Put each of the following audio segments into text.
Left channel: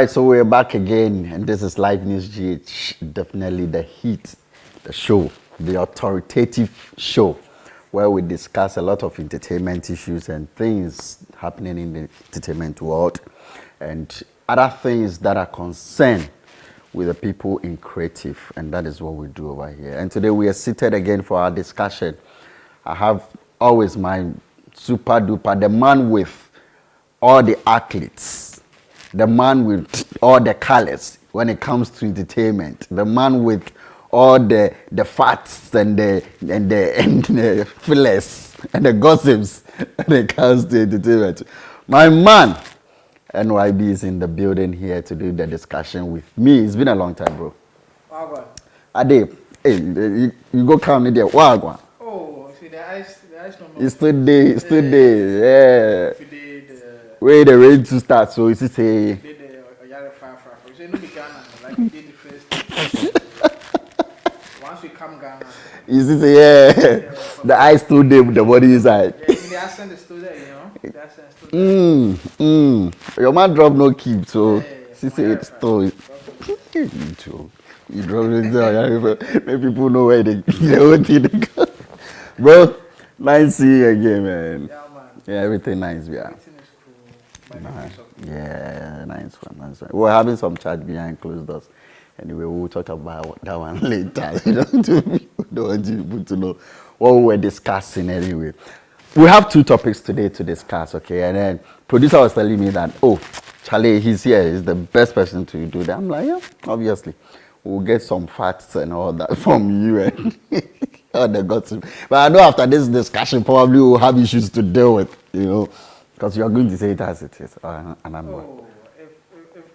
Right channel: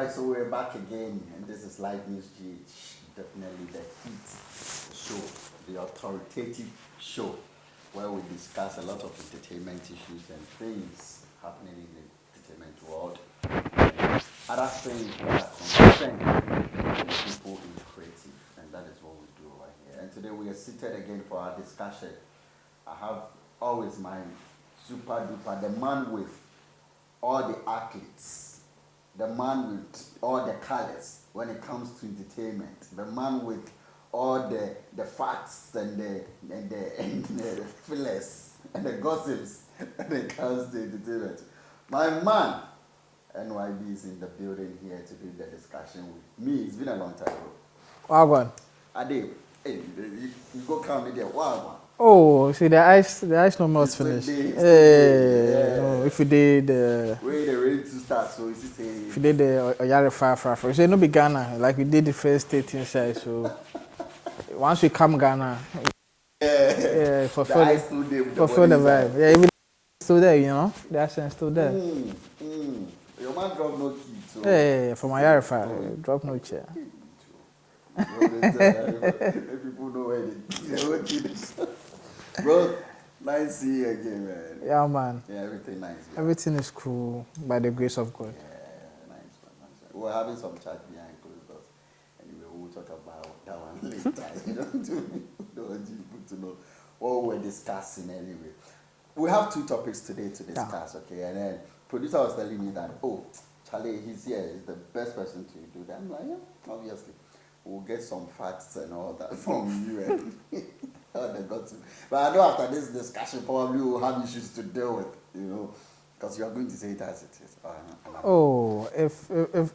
right, so we're back again, and this is LivenewsGh, definitely the heat, the show, the authoritative show, where we discuss a lot of entertainment issues and things happening in the entertainment world, and other things that are concerned with the people in creative, and that is what we do over here. And today we are seated again for our discussion. I have always my super duper, the man with all the athletes, the man with all the colors when it comes to entertainment, the man with all the facts and the fillers and the gossips when it comes to entertainment. My man, NYB, is in the building here to do the discussion with me. It's been a long time, bro. Wagwan. Ade, hey, you go count me there. Wagwan. Oh, see the ice no more. It's still there, yeah. If you did the Wait, they're ready to start, so it's say. if you did the Oyare far. So no be Ghana, like we did the first 13 sides. So once we come Ghana, You see, yeah. The eyes still there with the body inside. Yeah, even the accent is still there, you know. The accent is still there. Your man drop no keep, so. Yeah, from Oyare far. Drop no keep. You too. You drop it down. Make people know where they go. Bro, nice seeing you again, man. Yeah, man. Yeah, everything nice. Yeah. Everything is cool by the grace of God. Yeah, nice one. We're having some chat behind closed doors. Anyway, we'll talk about that one later. We don't want you to know what we were discussing anyway. We have two topics today to discuss, okay? And then producer was telling me that, oh, Charlie, he's here. He's the best person to do that. I'm like, yeah, obviously. We'll get some facts and all that from you and all the gossip. But I know after this discussion, probably we'll have issues to deal with, you know, because you're going to say it as it is.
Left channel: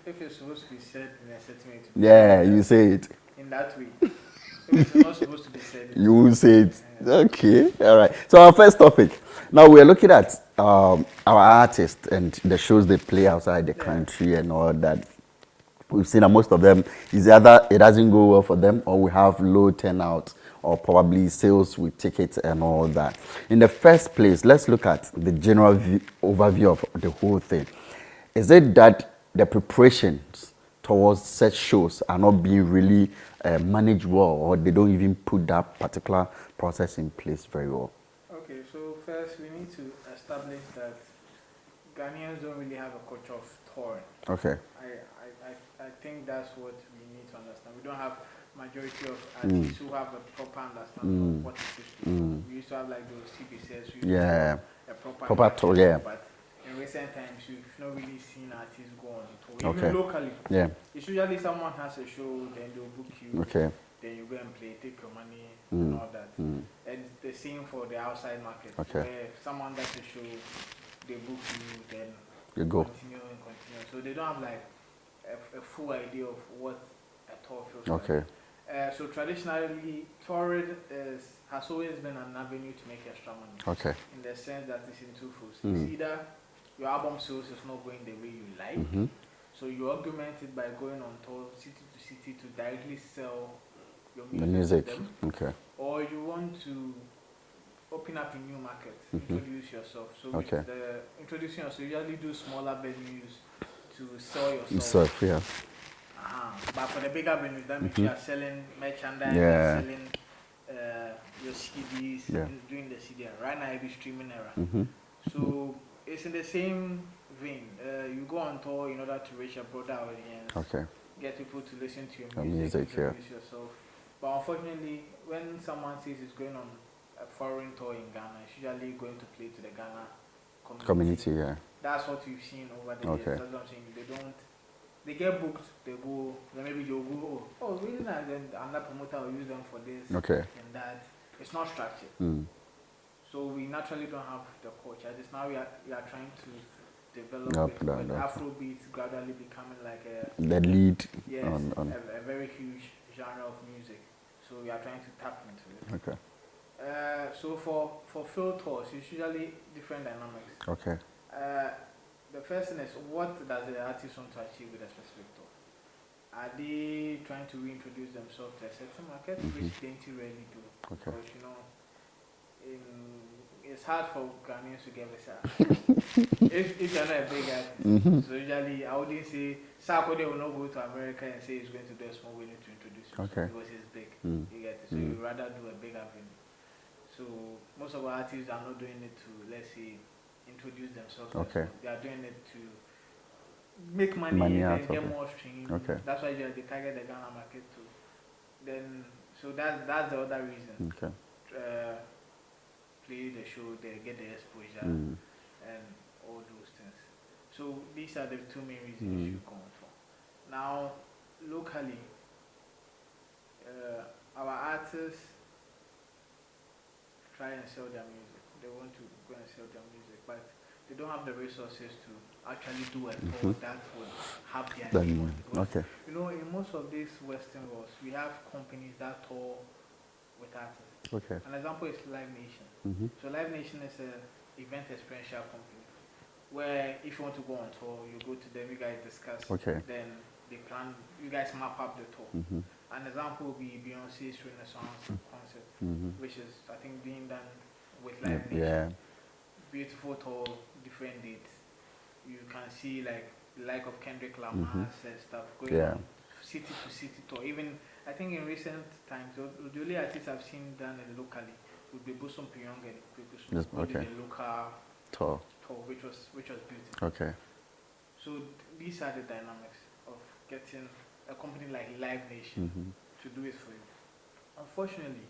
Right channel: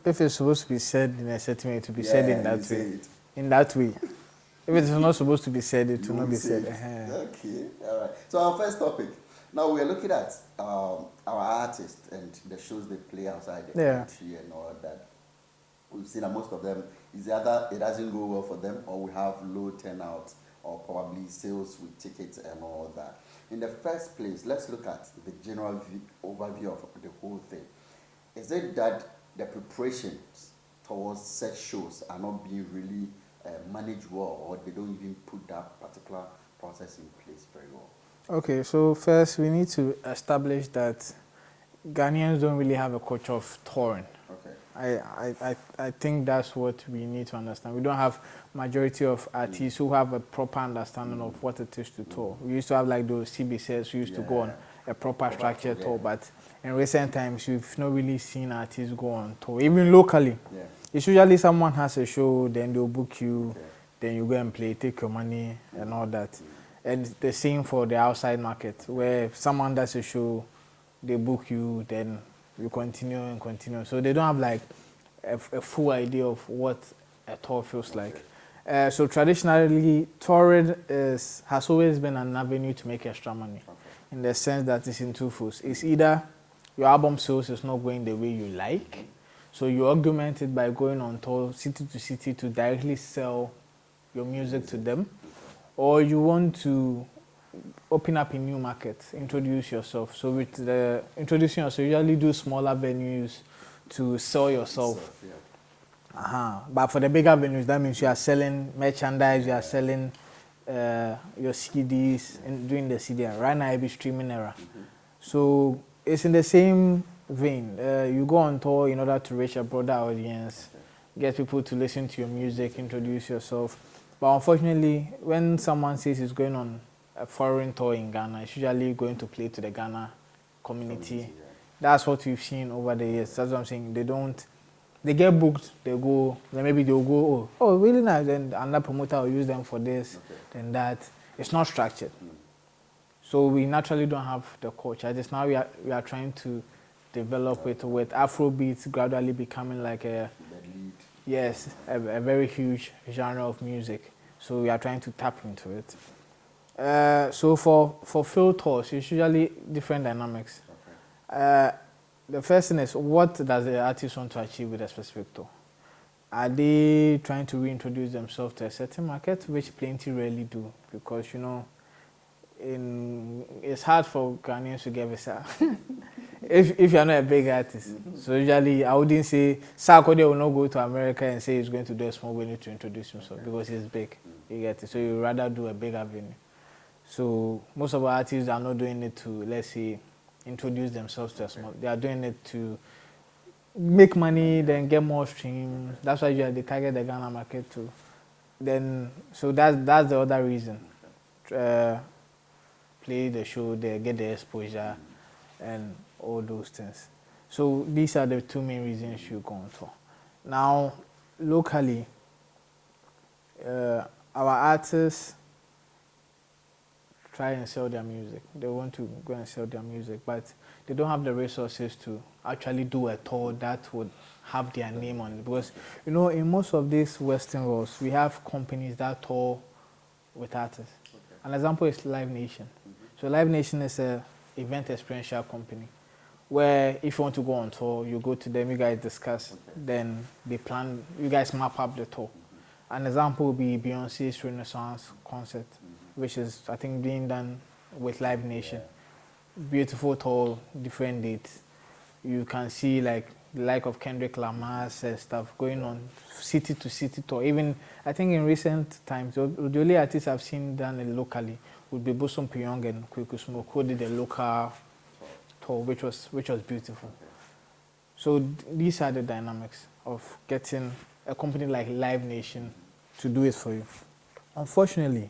If it's supposed to be said in a certain way, to be said. Yeah, you say it. In that way. If it's not supposed to be said, you will say it. Okay, all right. So our first topic. Now we're looking at our artists and the shows they play outside the country and all that. We've seen that most of them is either it doesn't go well for them or we have low turnout or probably sales with tickets and all that. In the first place, let's look at the general overview of the whole thing. Is it that the preparations towards such shows are not being really managed well, or they don't even put that particular process in place very well? Okay, so first we need to establish that Ghanaians don't really have a culture of touring. Okay. I think that's what we need to understand. We don't have majority of artists who have a proper understanding of what it is to tour. We used to have like those CBCs who used to go on a proper tour, but in recent times we've not really seen artists go on tour. Even locally. Yeah. It's usually someone has a show, then they'll book you, then you go and play, take your money and all that. And the same for the outside market, where if someone does a show, they book you, then you continue. So they don't have like a full idea of what a tour feels like. So traditionally, touring has always been an avenue to make extra money. Okay. In the sense that it's in two folds. It's either your album sales is not going the way you like, so you augment it by going on tour city to city to directly sell your music. To them. Okay. Or you want to open up a new market, introduce yourself. So with the introducing yourself, you usually do smaller venues to sell yourself. But for the bigger venues, that means you are selling merchandise, you are selling your CDs, and doing the CD. Right now, it's streaming era. So it's in the same vein. You go on tour in order to reach a broader audience, get people to listen to your music, introduce yourself. But unfortunately, when someone says he's going on a foreign tour in Ghana, it's usually going to play to the Ghana community. That's what we've seen over the years. That's what I'm saying. They get booked, they go, then maybe they'll go, oh, really nice, then another promoter will use them for this and that. It's not structured. So we naturally don't have the culture. Just now we are trying to develop it with afrobeats gradually becoming like the lead. Yes, a very huge genre of music. So we are trying to tap into it. So for field tours, it's usually different dynamics. The first thing is, what does the artist want to achieve with a specific tour? Are they trying to reintroduce themselves to a certain market, which plenty rarely do, because you know it's hard for Ghanaians to get visa if you're not a big artist. So usually I wouldn't say Sarkodie will not go to America and say he's going to do a small venue to introduce himself because he's big. You get it. So you rather do a bigger venue. So most of our artists are not doing it to, let's say, introduce themselves to small. They are doing it to make money then get more streams. That's why they target the Ghana market too. Then so that's the other reason. Play the show, they get the exposure and all those things. So these are the two main reasons you go on tour. Now, locally, our artists try and sell their music. They want to go and sell their music, but they don't have the resources to actually do a tour that would have their name on it. Because, you know, in most of these Western worlds, we have companies that tour with artists. An example is Live Nation. So Live Nation is a event experiential company where if you want to go on tour, you go to them, you guys discuss, then they plan, you guys map up the tour. An example would be Beyonce's Renaissance concert, which is, I think, being done with Live Nation. Beautiful tour, different dates. You can see like the like of Kendrick Lamar's stuff going on city to city tour. Even I think in recent times, the only artists I've seen done locally would be Bosom Pyong and Kweku Smoke, who did the local tour, which was beautiful. So these are the dynamics of getting a company like Live Nation to do it for you. Unfortunately,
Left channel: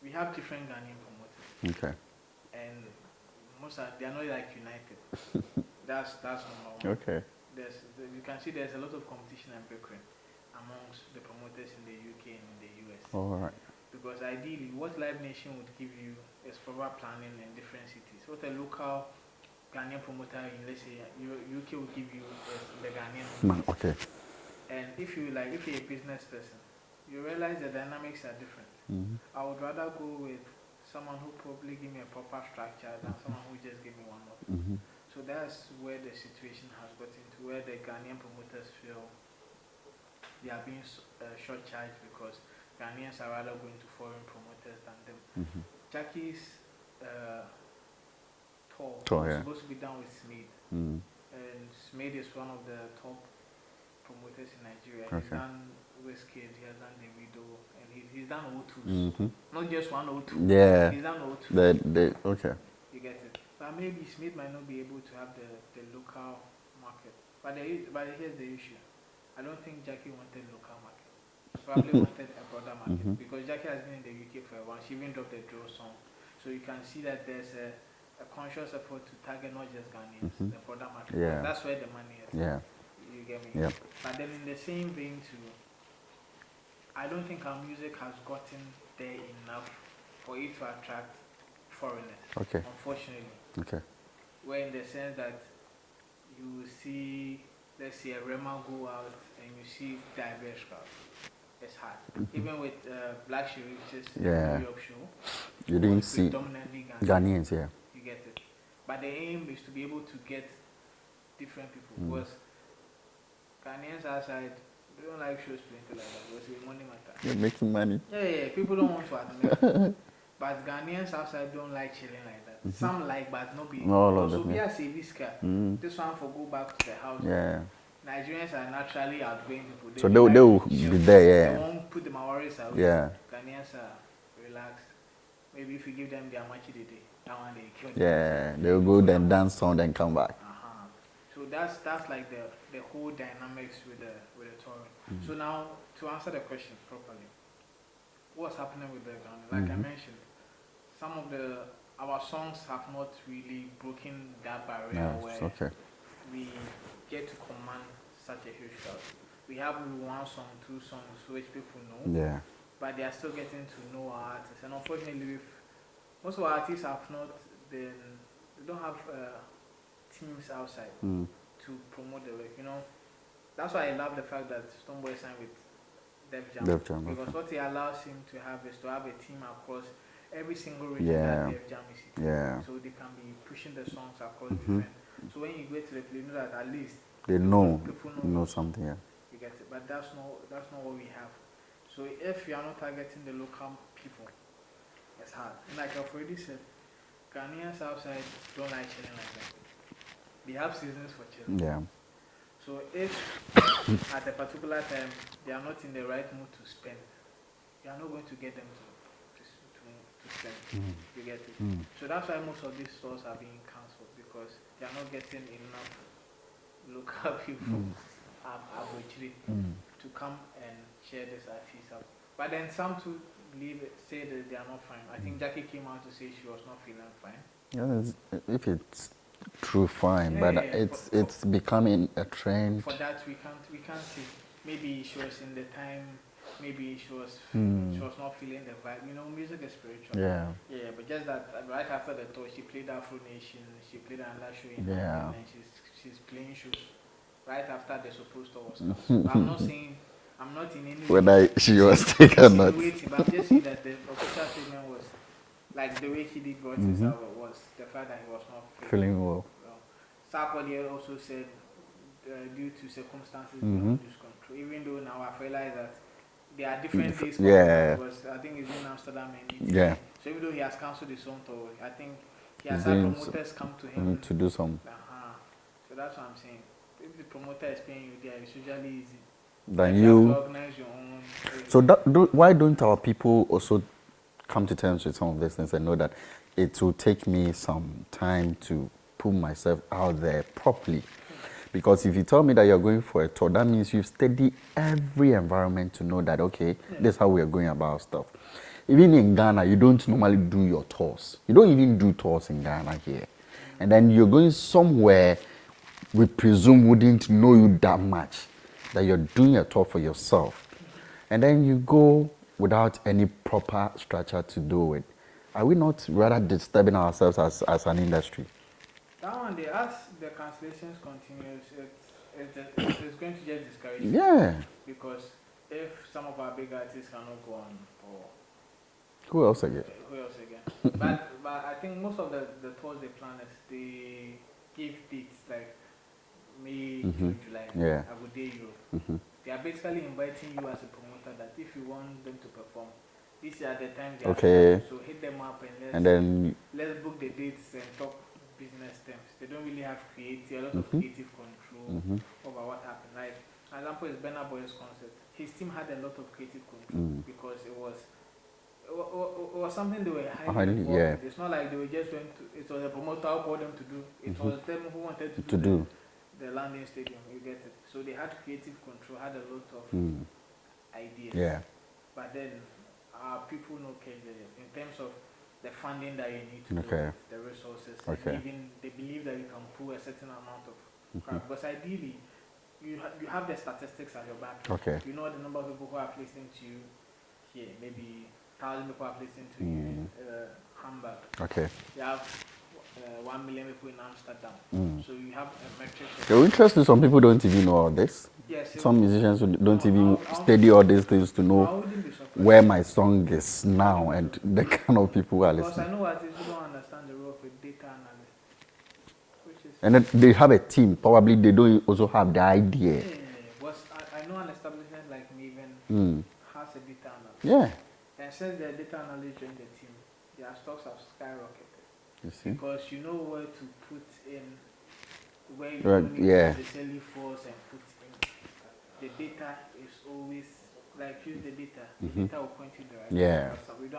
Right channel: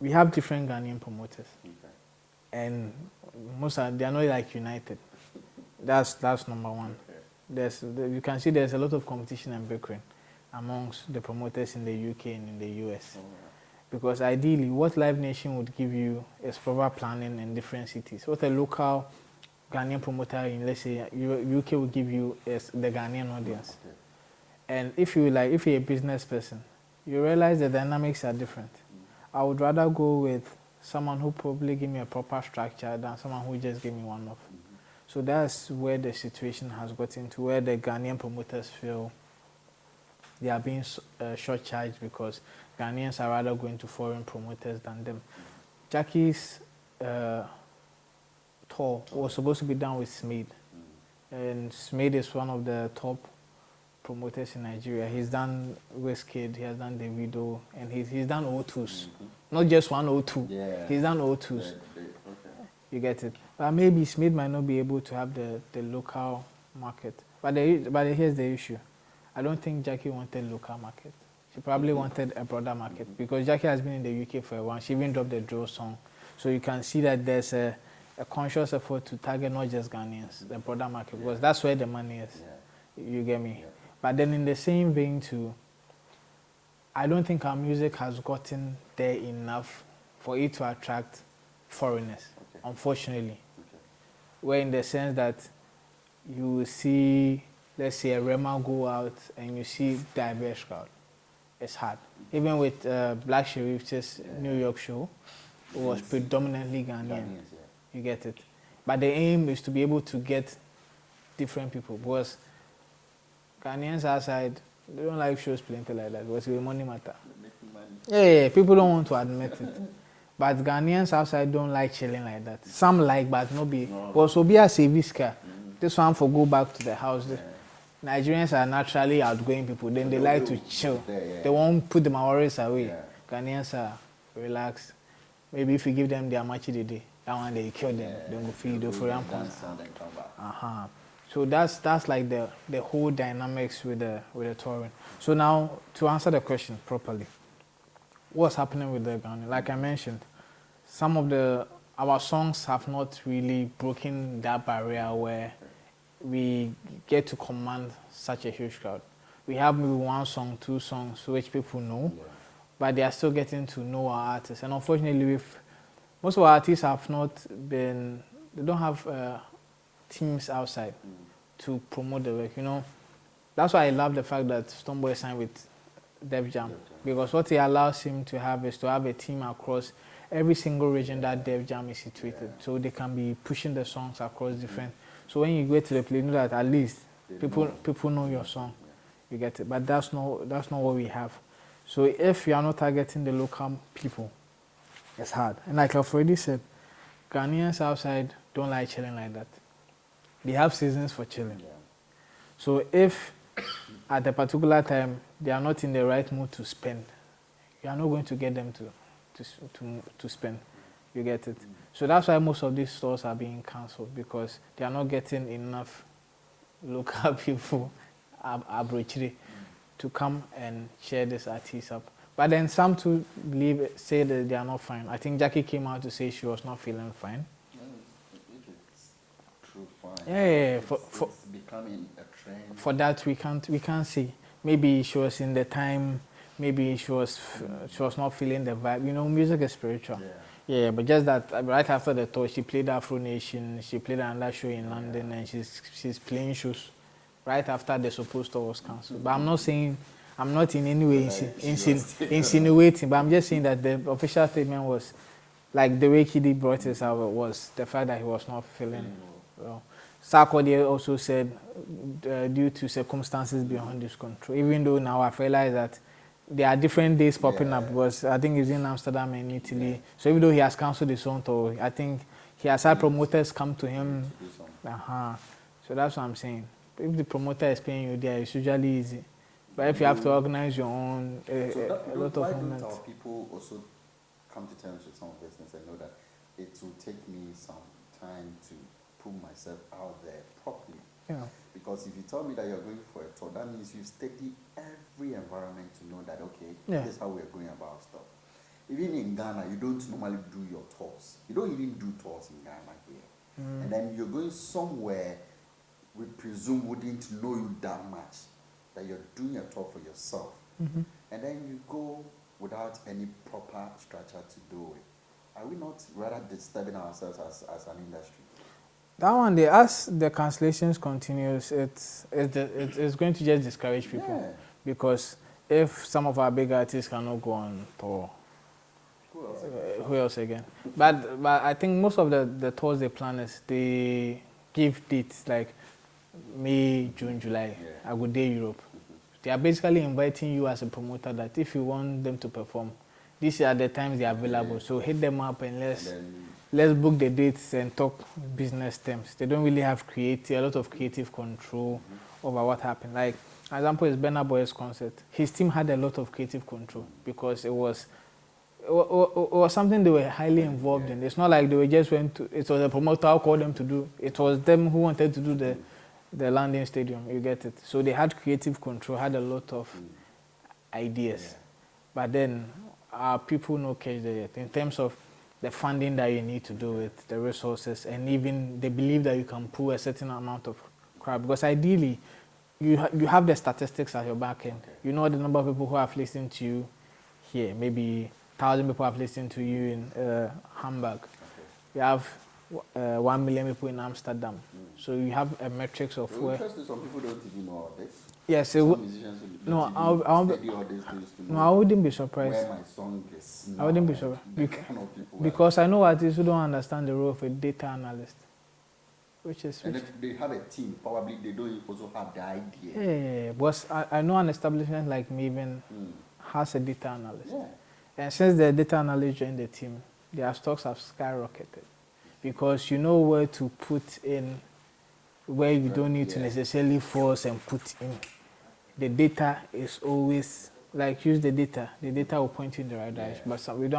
we have different Ghanaian promoters, and most they are not like united. That's number one. You can see there's a lot of competition and bickering amongst the promoters in the UK and in the US. Because ideally, what Live Nation would give you is proper planning in different cities. What a local Ghanaian promoter in, let's say, UK will give you is the Ghanaian audience. And if you're a business person, you realize the dynamics are different. I would rather go with someone who probably give me a proper structure than someone who just give me one-off. So that's where the situation has gotten to, where the Ghanaian promoters feel they are being short-charged because Ghanaians are rather going to foreign promoters than them. Jackie's tour was supposed to be done with Smade. And Smade is one of the top promoters in Nigeria. He's done Wizkid, he has done Davido, and he's done O2s. Not just one O2. He's done O2s. You get it. But maybe Smith might not be able to have the local market. But here's the issue. I don't think Jackie wanted local market. She probably wanted a broader market because Jackie has been in the UK for a while. She even dropped the drill song. So you can see that there's a conscious effort to target not just Ghanaians, the broader market. Because that's where the money is. You get me? But then in the same vein too, I don't think our music has gotten there enough for it to attract foreigners, unfortunately. Where in the sense that you see, let's say, a Rema go out and you see diverse crowd. It's hard. Even with Black Sherif's New York show, it was predominantly Ghanaians. You get it. But the aim is to be able to get different people because Ghanaians outside, they don't like shows plenty like that because it's money matter. You're making money. People don't want to admit it. But Ghanaians outside don't like chilling like that. Some like, but no be. Also be a service car. This one for go back to the house. Nigerians are naturally outgoing people. They like to chill. They won't put their worries away. Ghanaians are relaxed. Maybe if you give them their machi day, that one they kill them. They'll go then dance on then come back. So that's like the whole dynamics with the touring. So now to answer the question properly, what's happening with the Ghana? Like I mentioned, some of our songs have not really broken that barrier where we get to command such a huge crowd. We have maybe one song, two songs which people know, but they are still getting to know our artists. And unfortunately, most of our artists have not been, they don't have teams outside to promote the work, you know. That's why I love the fact that Stonebwoy signed with Def Jam, because what it allows him to have is to have a team across every single region that Def Jam is situated, so they can be pushing the songs across different. So when you go to the play, you know that at least people know your song. You get it, but that's not what we have. So if you are not targeting the local people, It's hard. And like I've already said, Ghanaians outside don't like chilling like that. They have seasons for chilling. Yeah. So if at a particular time they are not in the right mood to spend, you are not going to get them to spend. You get it? So that's why most of these stores are being cancelled, because they are not getting enough local people to come and share this artist up. But then some to say that they are not fine. I think Jackie came out to say she was not feeling fine. Yeah, if it's true, fine. Yeah, but yeah, it's becoming a trend. For that we can't say. Maybe she was in the time. Maybe she was not feeling the vibe. You know, music is spiritual. Yeah. Yeah, but just that right after the tour, she played Afro Nation. She played another show in London, and she's playing shows right after the supposed tour was cancelled. But I'm not saying. I'm not in any way insinuating, but I'm just saying that the official statement was, like the way Kiddy brought it out, was the fact that he was not feeling well. Sarkodie also said, due to circumstances beyond his control, even though now I've realized that there are different days popping up, because I think he's in Amsterdam and Italy. Yeah. So even though he has cancelled his own tour, I think he has had promoters come to him to do some. So that's what I'm saying. If the promoter is paying you there, it's usually easy. But if you have to organize your own. So why don't our people also come to terms with some of these things and know that it will take me some time to put myself out there properly? Yeah. Because if you tell me that you're going for a tour, that means you've studied every environment to know that, okay, this is how we're going about stuff. Even in Ghana, you don't normally do your tours. You don't even do tours in Ghana here. And then you're going somewhere we presume wouldn't know you that much, that you're doing a tour for yourself, and then you go without any proper structure to do it. Are we not rather disturbing ourselves as an industry? That one, as the cancellations continues, it's going to just discourage people. Yeah. Because if some of our big artists cannot go on tour, who else again? but I think most of the tours they plan is they give dates like May, June, July. Yeah. I go day Europe. They are basically inviting you as a promoter that if you want them to perform, these are the times they are available. So hit them up and let's book the dates and talk business terms. They don't really have a lot of creative control over what happened. Like, for example, is Burna Boy's concert. His team had a lot of creative control because it was something they were highly involved in. It's not like they were just went to. It was a promoter who called them to do. It was them who wanted to do the landing stadium. You get it. So they had creative control, had a lot of ideas. Yeah. But then our people no catch there in terms of the funding that you need to do it, the resources, and even they believe that you can pull a certain amount of crowd. Because ideally, you have the statistics at your back end. You know the number of people who have listened to you here. Maybe 1,000 people have listened to you in Hamburg. You have 1 million people in Amsterdam. So you have a metrics of... You're interested, some people don't even know all this. Yes. Some musicians don't even study all these things to know I wouldn't be surprised where my song is now and the kind of people are listening. Because I know artists who don't understand the role of a data analyst. And then they have a team. Probably they don't also have the idea. Yeah. But I know an establishment like Maven has a data analyst. Yeah. And since the data analyst joined the team, their stocks have skyrocketed. Because you know where to put in, where you don't need to necessarily force and put in. The data is always, like, use the data. The data will point you in the right direction. But some of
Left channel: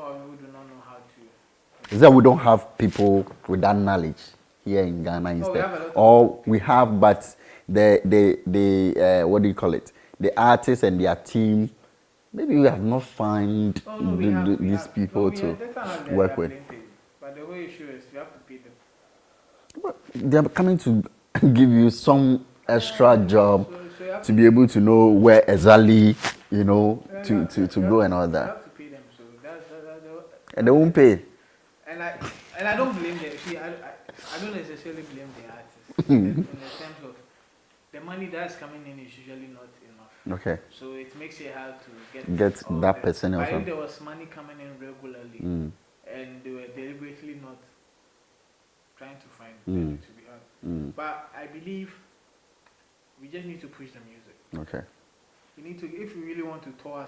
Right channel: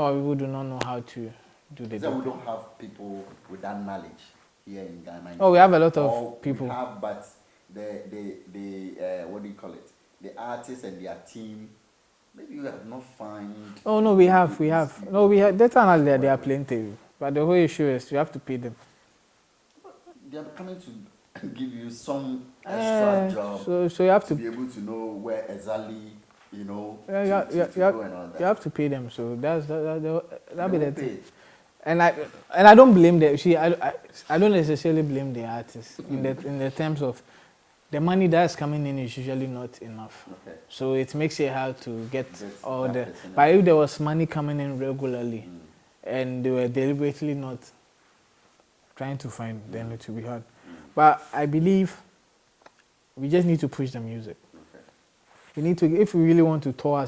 our people do not know how to do that. Is that we don't have people with that knowledge here in Ghana instead? We have a lot of people. We have, but the what do you call it? The artists and their team, maybe we have not found. Oh no, we have. No, we have data analysts. They are plenty. But the whole issue is you have to pay them. They are coming to give you some extra job so you have to be able to know where exactly, to go and all that. You have to pay them. So that's and they won't pay. And I don't blame them. See, I don't necessarily blame the artists in the terms of the money that's coming in is usually not enough. So it makes it hard to get all that percent. But if there was money coming in regularly and they were deliberately not trying to find, then it will be hard. But I believe we just need to push the music. We need to, if we really want to tour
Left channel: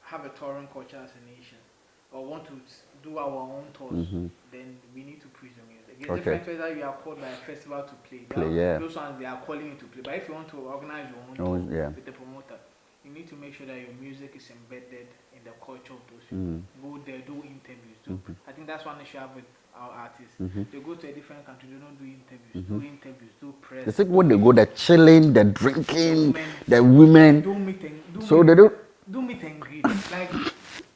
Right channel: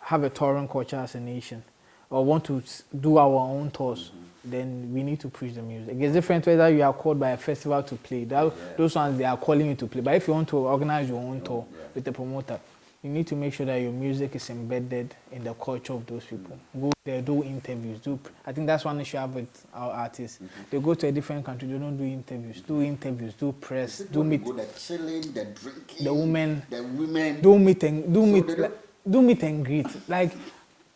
have a touring culture as a nation, or want to do our own tours, then we need to push the music. It's different whether you are called by a festival to play. Those ones, they are calling you to play. But if you want to organize your own tour with the promoter, you need to make sure that your music is embedded in the culture of those people. Go there, do interviews. I think that's one issue I have with our artists. They go to a different country, they don't do interviews. Do interviews, do press. It's like when they go, they're chilling, they're drinking, the women. Do meet and greet. Like,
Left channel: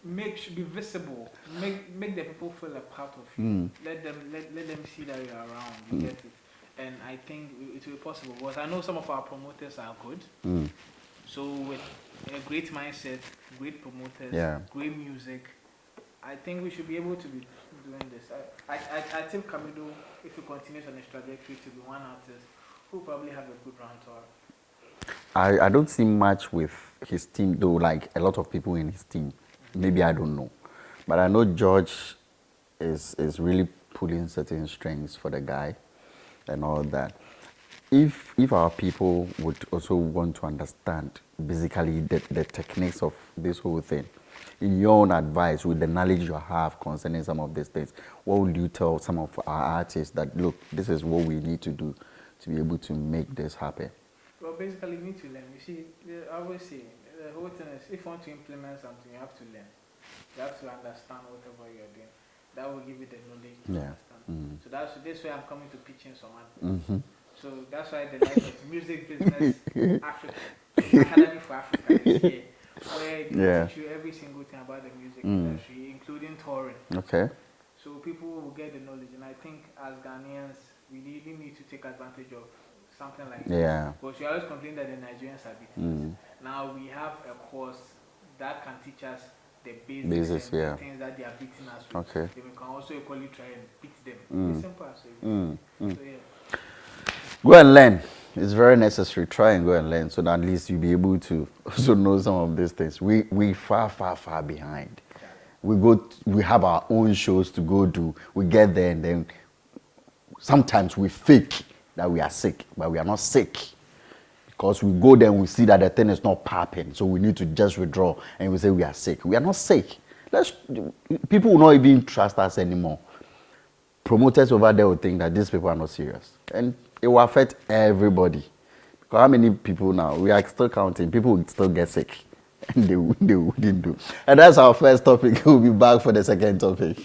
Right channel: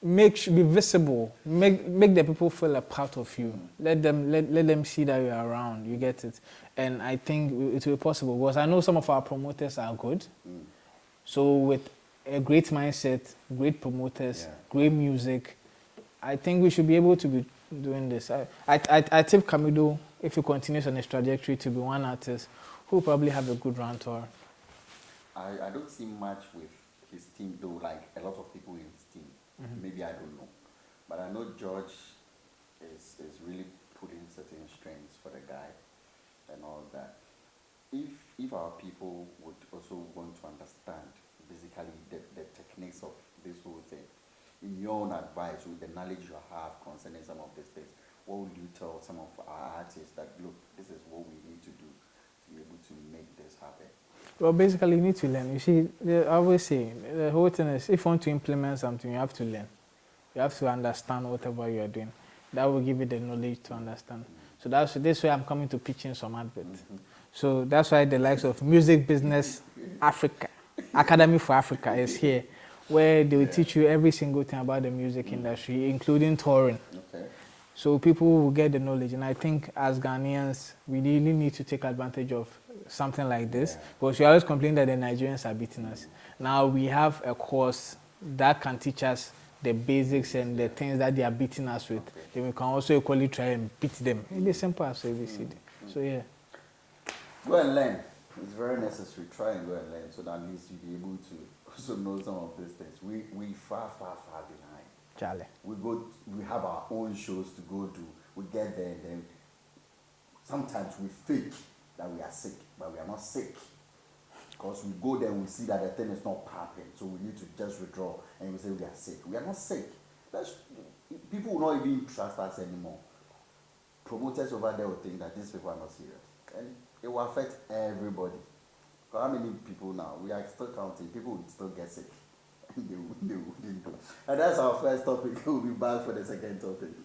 be visible. Make the people feel a part of you. Let them see that you're around. You get it. And I think it will be possible because I know some of our promoters are good. So with a great mindset, great promoters, great music, I think we should be able to be doing this. I tip Camido, if he continues on his trajectory, to be one artist who will probably have a good run tour. I don't see much with his team, though, like a lot of people in his team. Maybe I don't know. But I know George is really pulling certain strings for the guy and all that. If our people would also want to understand basically the techniques of this whole thing, in your own advice, with the knowledge you have concerning some of these things, what would you tell some of our artists that, look, this is what we need to do to be able to make this happen? Well, basically, you need to learn. You see, I always say, the whole thing is, if you want to implement something, you have to learn. You have to understand whatever you are doing. That will give you the knowledge to understand. So that's this way I'm coming to pitching some adverts. So that's why the likes of Music Business Africa, Academy for Africa is here, where they will teach you every single thing about the music industry, including touring. Okay. So people will get the knowledge. And I think as Ghanaians, we really need to take advantage of something like this. Because we always complain that the Nigerians are beating us. Now we have a course that can teach us the basics and the things that they are beating us with. Then we can also equally try and beat them. It's simple as ABC. So yeah. Go and learn. It's very necessary. Try and go and learn so that at least you'll be able to also know some of these things. We far behind. We have our own shows to go do. We get there and then sometimes we fake that we are sick, but we are not sick. Because we go there and we see that the thing is not popping, so we need to just withdraw and we say we are sick. We are not sick. People will not even trust us anymore. Promoters over there will think that these people are not serious. And it will affect everybody. Because how many people now? We are still counting. People will still get sick. And they wouldn't do. And that's our first topic. We'll be back for the second topic.